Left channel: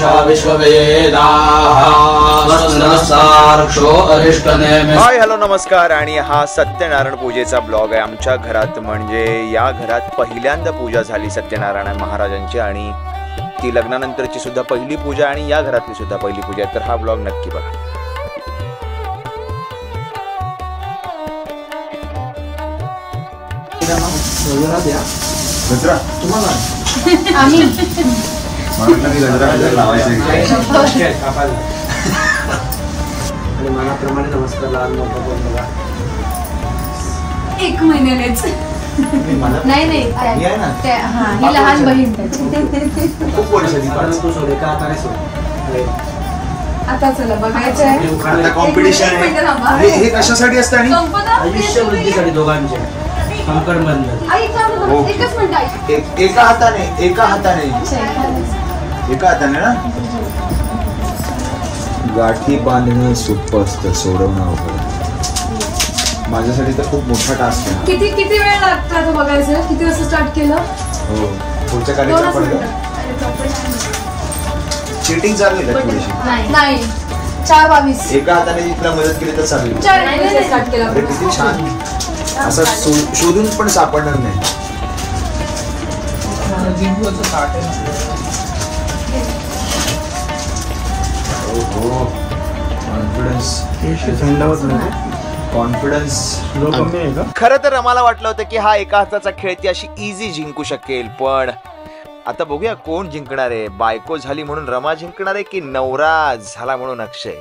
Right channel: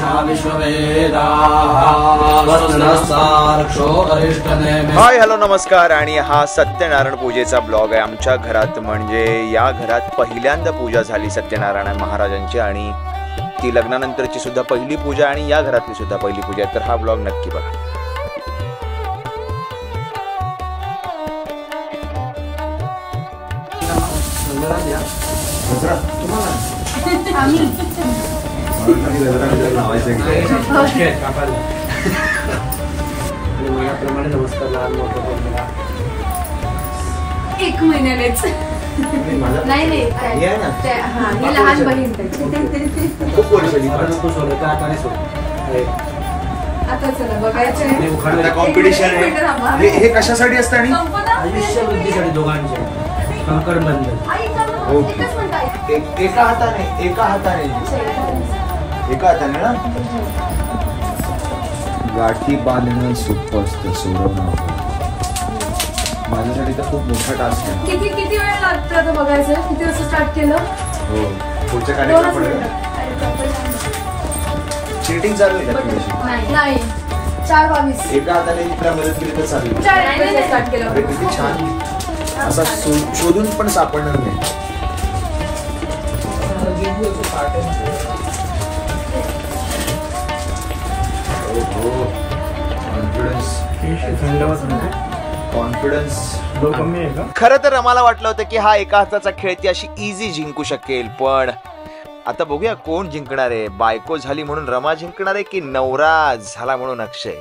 पूषा विश्ववेदाः स्वस्तिनस्तार्क्ष्यो अरिष्टनेमिः। Hi hello नमस्कार आणि हा सत्यनारायण पूजेचा ब्लॉग आहे आमच्या घरात, म्हणजे या घरात पहिल्यांदा पूजा झाली सत्यनारायण महाराजांची आणि ती लग्नानंतरची सुद्धा पहिली पूजा आणि या घरातली सुद्धा पहिली पूजा आहे, तर हा ब्लॉग नक्की बघा। एक महिन्यानेच नाही नाही लहान बहीण आता चला बघायचं आहे कॉम्पिटिशन हे कशासाठी असतं आणि आयुष्य वृद्धीसाठी दोघांचे संकट बंद एका हाताने ना गाठी बांधणं सोपं असतं, सोडवणं अवघड। माझ्यासाठी तर खूप मोठा टास्क आहे। किती वेळ लागतो बघायचं? किती वाजता स्टार्ट केलं? हो पुढच्या कार्यक्रम चीटिंग चालू आहे का थोडीशी? नाही 4:22 एका हाताने तिला मदत केली तर चालेल। 4:22 स्टार्ट केलं। अरे किती छान, असा शोधून पण सापडणार नाही। कॉन्फिडन्स खरं तर आम्हाला वाटलं होतं की हा एका हाताचा खेळ ती अशी इझी जिंकू शकेल, पण आता बघूया कोण जिंकणार आहे। बायको झाली म्हणून रमा जिंकणार आहे की नवरा झाला म्हणून अक्षय?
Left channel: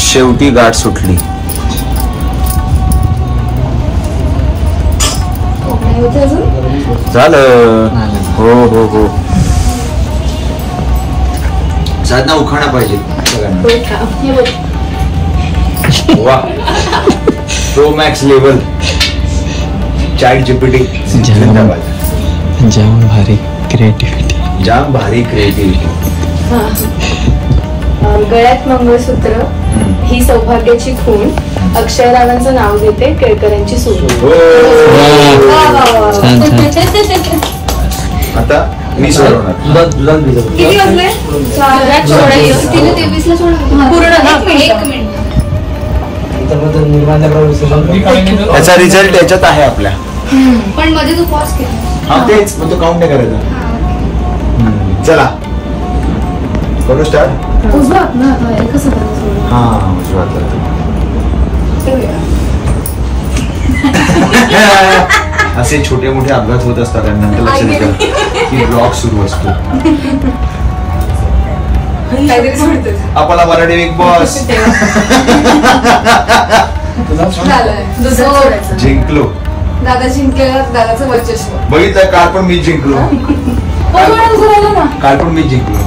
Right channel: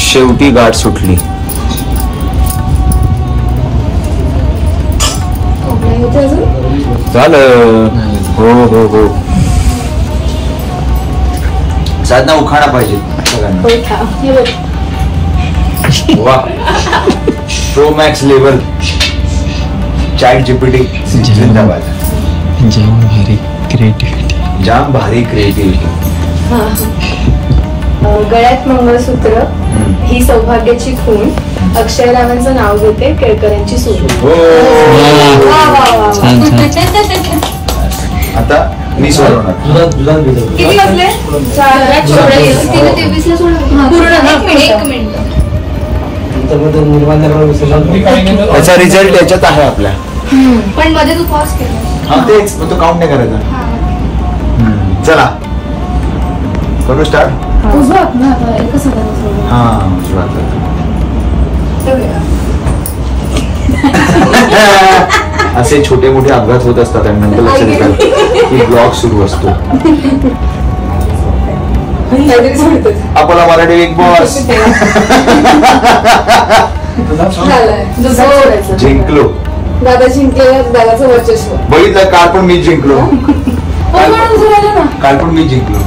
शेवटी गाठ सुटली। झालं। हो हो हो साधना उखाणा पाहिजे। वा pro max level chat GPT जिंदाबाद। जाम भारी क्रिएटिव्हिटी। गळ्यात मंगळसूत्र ही सौभाग्याची खूण, अक्षय रावांचं नाव घेते केळकरांची सून। आता मी सोडवणार। किती वाजले? 4:23 पूर्ण ना? 1 मिनिट। याचा रिझल्ट याच्यात आहे आपल्या, पण मध्ये तू पॉज केला। हा तेच मग तो काउंट नाही करायचा। चला करू स्टार्ट। उजवात ना आता एकच हाताने सोडलं। हा उजवात असे छोटे मोठे अपघात होत असतात आणि नंतर लक्षात येतात की ब्लॉग सुरू असतो। आपला मराठी बिग बॉस जिंकलो। दादा जिंकलेला दादाचं वर्चस्व बघितलं, काल पण मी जिंकलो। काल पण मी जिंकलो।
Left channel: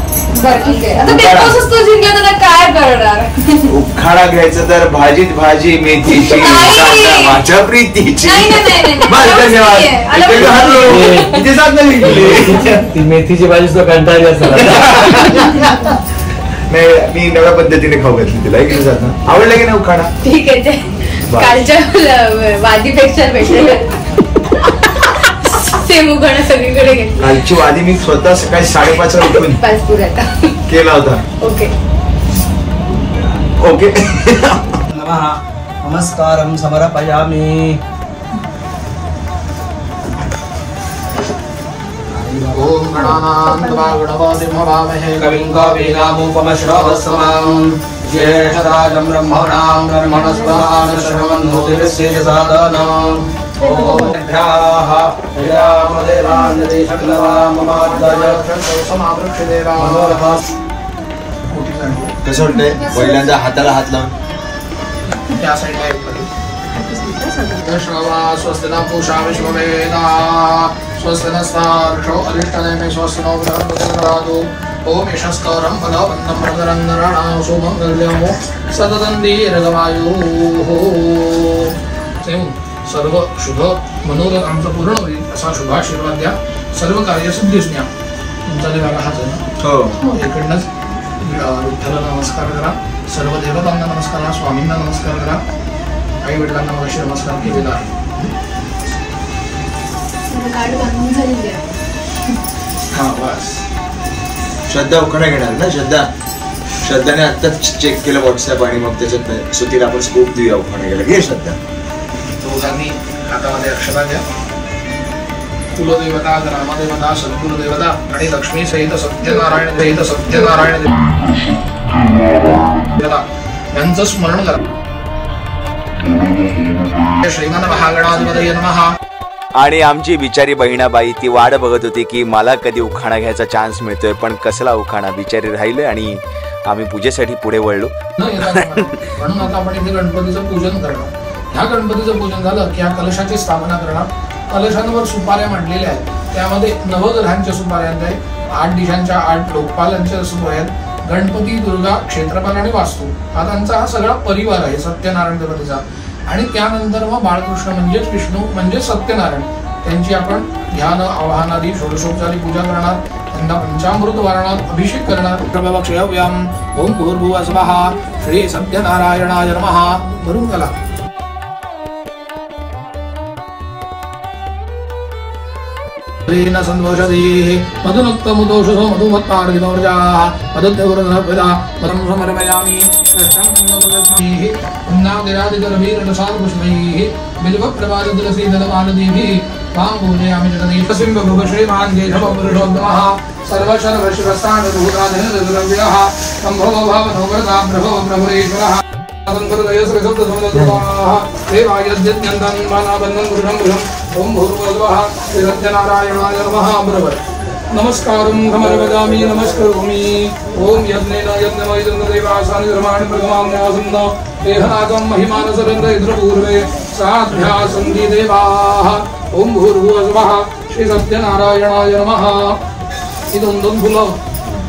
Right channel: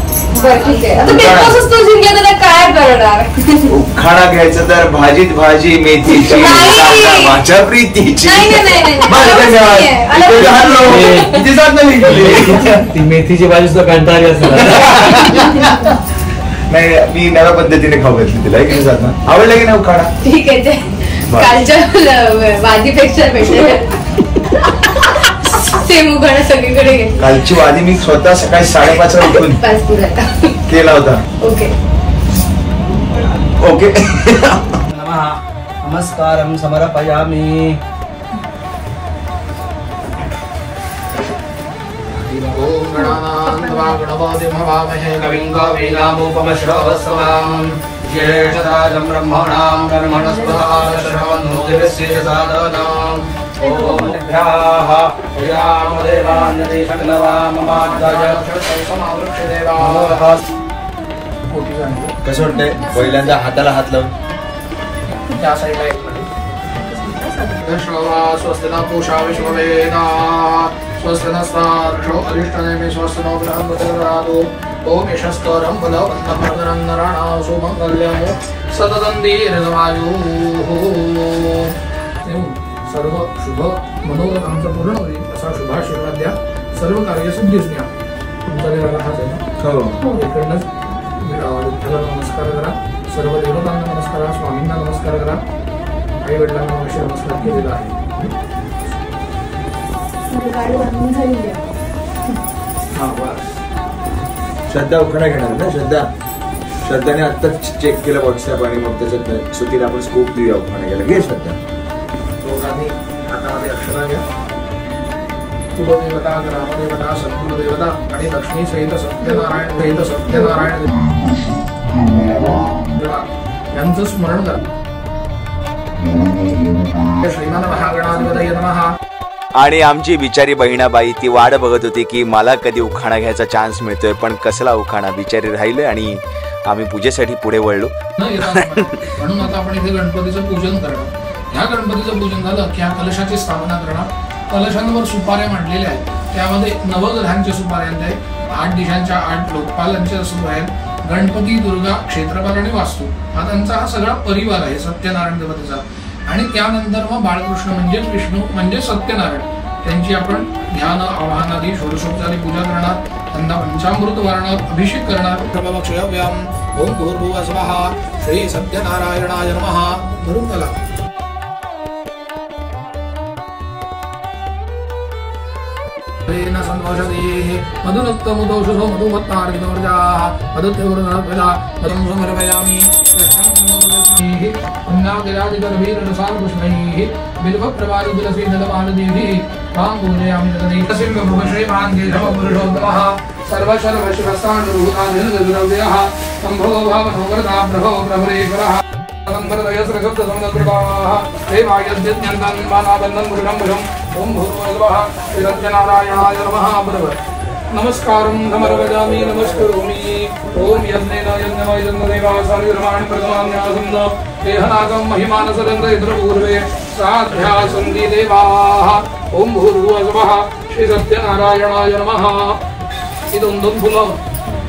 ठीक आहे, आता ते पासून तू जिंकला तर काय करणार? उखाणा घ्यायचं तर भाजीत भाजी मेथीची माझ्या प्रीतीची। ती मेथीची भाजी सुद्धा कंटाळली असेल। नाही मी नव्या पद्धतीने खाऊ घातली तिला। किती जात ना आवडलं की नाही उखाणा? ठीक आहे, ते कालच्या वादीपेक्षा बेटर सेम उखाणा सगळीकडे घेतला। कालची वादी मी स्वतः सकाळी 5:30 ला उठून केला होता। ओके ओके नमस्कारं समर्पयामि। ओम गणानां गणपतिं हवामहे कविं कवीनामुपमश्रवस्तमां ज्येष्ठराजं ब्रह्मणां ब्रह्मणस्पदां शृण्वन्नोतिर्यस्य साधनां। ओम भ्याः यामदेवान्यति सकलवाममाद्दयक्षसमावृक्षदेवाः। कसं वाटतंय पहिल्यांदा हाताला हात लावून? त्या साईडला स्वस्तिना पूषा विश्ववेदाः स्वस्तिनस्तार्क्ष्यो अरिष्टनेमिः स्वस्तिनो बृहस्पतिर्दधातु। ओम यशस्करं फलवन्तं प्रदरन्नराणां सुमङ्गल्यं सततं दीर्घमायुः। सर्व शुभ मनोरथ आमचं पूर्ण होईल असा शुभाशीर्वाद द्या। सर्व कार्यसिद्धीस द्या। तुमचा देवाला हात आहे हो, इकडनंच विठ्ठलाला नमस्कार करा, सर्व देवतांना नमस्कार करा, स्वामींना नमस्कार करा, आई वडिलांना अवश्य नमस्कार केलेला आहे। गाडी बांधून झालेली आहे. हा बस. श्रद्धा उखाणा घेणार ना? श्रद्धाने आत्ताच चेक केलं व्हॉट्सअप आणि मग त्याच्यात सुधीला आपण स्कोप देऊया उखाणा घ्यायला. घे श्रद्धा. दोघांनी हातामध्ये अक्षरा घ्या. कुलदेवता, ग्रामदेवता, सद्गुरुदेवता आणि लक्ष्मी सहित सत्यनारायण देवता यांचं स्मरण करा. श्रीमान महागणाधिपतये नमः. आणि आमची बिचारी बहिणाबाई ती वाट बघत होती की मला कधी उखाणा घ्यायचा चान्स मिळतोय, पण कसला उखाणा. बिचारी राहिले आणि आम्ही पूजेसाठी पुढे वळलो. म्हणून आता आपण इथे गणपतीचं पूजन करणार. ह्या गणपतीचं पूजन झालं की ह्या कलशाची स्थापना करणार. कलशांवर सुपाऱ्या मांडलेल्या आहेत. त्यामध्ये नवग्रहांच्या सुपाऱ्या आहेत, 8 दिशांच्या 8 लोकपालांच्या सुपाऱ्या आहेत. गणपती, दुर्गा, क्षेत्रपाल आणि वास्तू हा त्यांचा हा सगळा परिवार आहे सत्यनारायण देवतेचा. आणि त्यानंतर मग बाळकृष्ण म्हणजेच विष्णू म्हणजे सत्यनारायण त्यांची आपण ध्यान, आवाहन आदी षोडशोपचारी पूजा करणार. त्यांना पंचामृत वारणात अभिषेक करणार. प्रभवक्षयव्यम ओम भूर्भुवः स्वः श्री सत्यनारायणाय नमः करून त्याला मधुनक्तमुदोषधो मधुमत्तार्गितोर्जाः मदत्यवरनर्भजा मदं समर्पयामि पुण्णादिरादिगर्भीरसालपुष्पैः बिल्वप्रवादितुलसीदलमालदीभिः मां पूजयामि तदेकसिंहभुवश्रीमान् केशवपुरुषोत्तमः सर्वशर्वशिवस्तानुरूतानिर्द्रव्यः सम्भो भवनोवरदा प्रभो प्रभुरेश्वरः ओम भूर्भुवः सत्यनारायणाय नमः. बरोबर. नमस्कारं समर्पयामि नमस्करोमि. ओम यज्ञेन यज्ञमयं देवासानि धर्माणि प्रथमान्यासं देहनागं महिमानसरेन्द्रपूर्वे साध्यासन्ति देवाः. ओम भूर्भुवः श्री सत्यनारायणाय नमः. ही 2 फुलं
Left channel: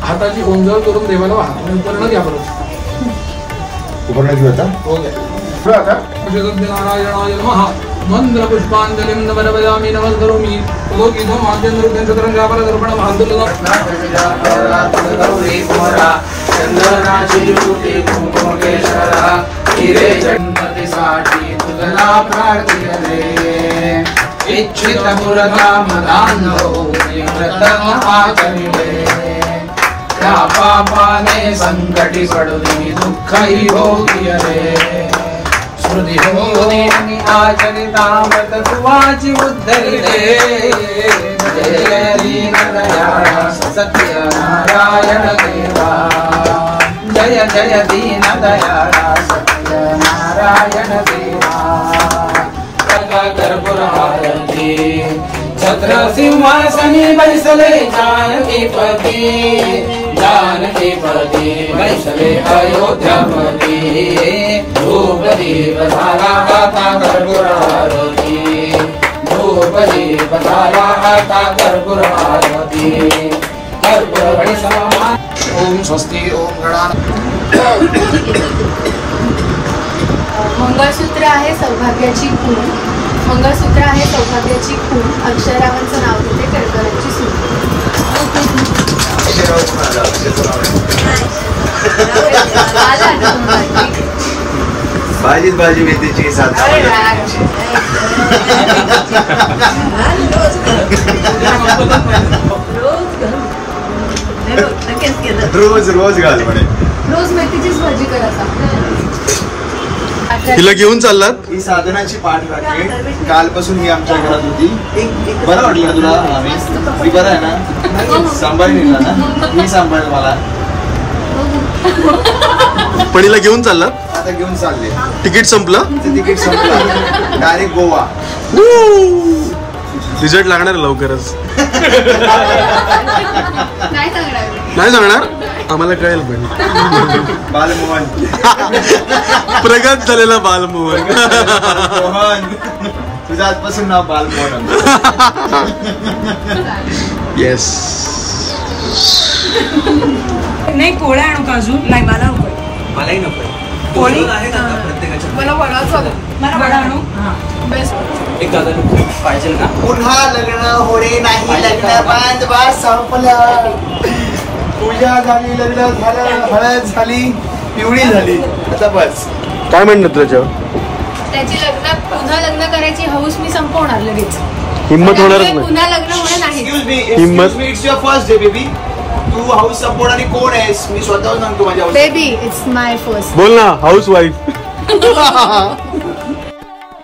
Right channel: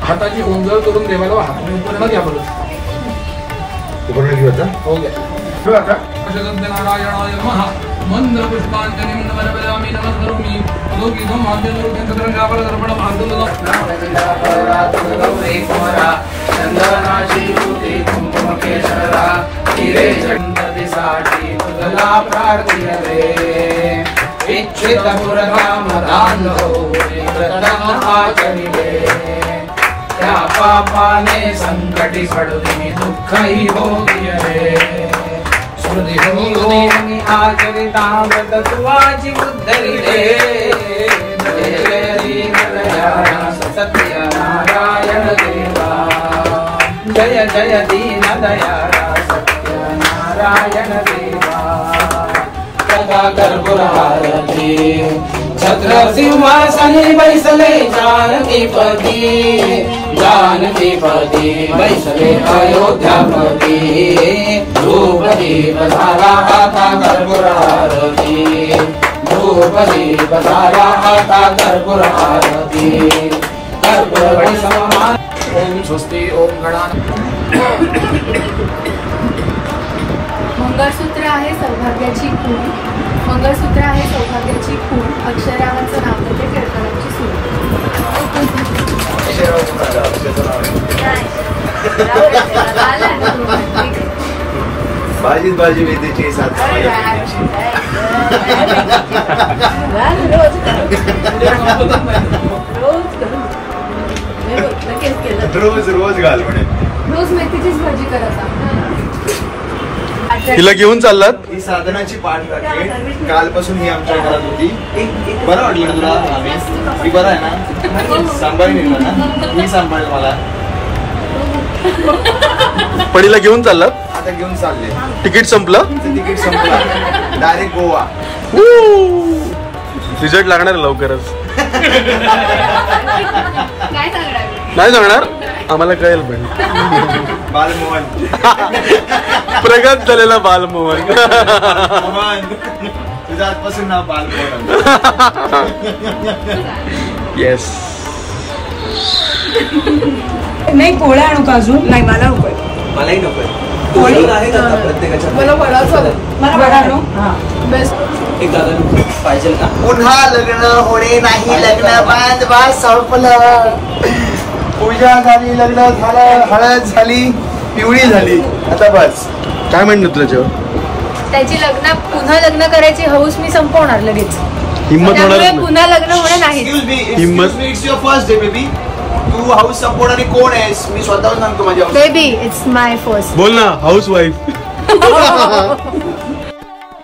हाताची गोंधळ करून देवाला वाहा. पूर्ण घ्या बरोबर. उखाणा घेऊ आता. हो गया. सत्यनारायणाय नमः. मंत्र पुष्पांजलिं नमस्यामि नमस्करोमि. लोकितं माध्यमरूपेण चतुरंगापरदर्पणं पापाने संकटी पडुदिनी दुःखही भोगिले. स्मृती होनी आचरितावत तुवाची उद्धरिले. जय दीनदया सत्यनारायण देवा. जय जय दीनदया सत्यनारायण देवा. कर्पूरहारती छत्र सिंहासनी बैसले जानकीपती. जानकीपती बैसले अयोध्यापती. धूपदीप झाला आता कर्पूरहारती. धूपदीप झाला आता कर्पूरहारती. कर्पूरवडी समान. ओम स्वस्ति ओम गणान. मंगळसूत्र आहे सौभाग्याची खूण. मंगळसूत्र आहे सौभाग्याची खूण. अक्षरावांचं नाव घेते केळकरांची सून. भाजीत भाजी मेथीची साथ. रोज रोज घाल म्हणे. रोज मेथीचीच भाजी करायचा. तिला घेऊन चाललात. ही साधनाची पाठ वाटते. कालपासून मी आमच्या घरात होती. बरं वाटलं तुला? मी बरं आहे ना? सांभाळून ना? मी सांभाळेल मला. पडीला घेऊन चाललात. आता घेऊन चालले. तिकीट संपलं. तिकीट संपलं. डायरेक्ट गोवा. रिझल्ट लागणार लवकरच. नाही सांगणार. आम्हाला कळेल पण. बालमोहन. प्रगत झालेला बालमोहन. तुझं आजपासून नाव बालमोहन. येस. नाही कोळ्या आणू का अजून? नाही मला नकोय. मलाही नकोय. प्रत्येकाच्या मला वडाच वडा आणू. बेस्ट. एक दादा पाहिजे का? पुन्हा लग्न होणे नाही. लग्न बांधवा संपलं. पूजा झाली, लग्न झालं, हळद झाली, पिवळी झाली. आता बस. काय म्हणणं तुझ्यावर? त्याची पुन्हा लग्न करायची हौस मी संपवणार लगेच. हिम्मत त्यामुळे होणारच नाही. पुन्हा लग्न होणं नाही. हिम्मत. It's your first day baby. तू हाऊस सपोर्ट आणि कोण आहेस मी स्वतःहून सांगतो माझ्या बेबी इट्स माय फर्स्ट. बोल ना, हाऊस वाईफ.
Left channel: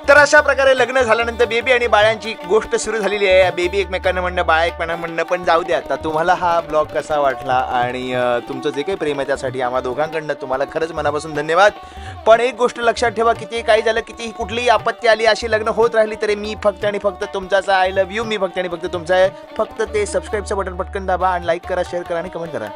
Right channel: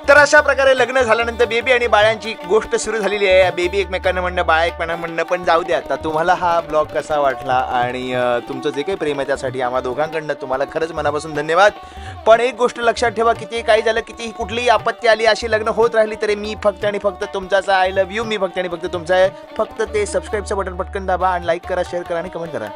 तर अशा प्रकारे लग्न झाल्यानंतर बेबी आणि बाळांची गोष्ट सुरू झालेली आहे. बेबी एकमेकांना म्हणणं, बाळा एकमेकांना म्हणणं. पण जाऊ द्या, आता तुम्हाला हा ब्लॉग कसा वाटला आणि तुमचं जे काही प्रेम आहे त्यासाठी आम्हा दोघांकडनं तुम्हाला खरंच मनापासून धन्यवाद. पण एक गोष्ट लक्षात ठेवा, कितीही काही झालं, कितीही कुठलीही आपत्ती आली, अशी लग्न होत राहिली तरी मी फक्त आणि फक्त तुमचाच आय लव्ह यू. मी फक्त आणि फक्त तुमचा आहे. फक्त ते सबस्क्राईबचं बटन पटकन दाबा आणि लाईक करा, शेअर करा आणि कमेंट करा.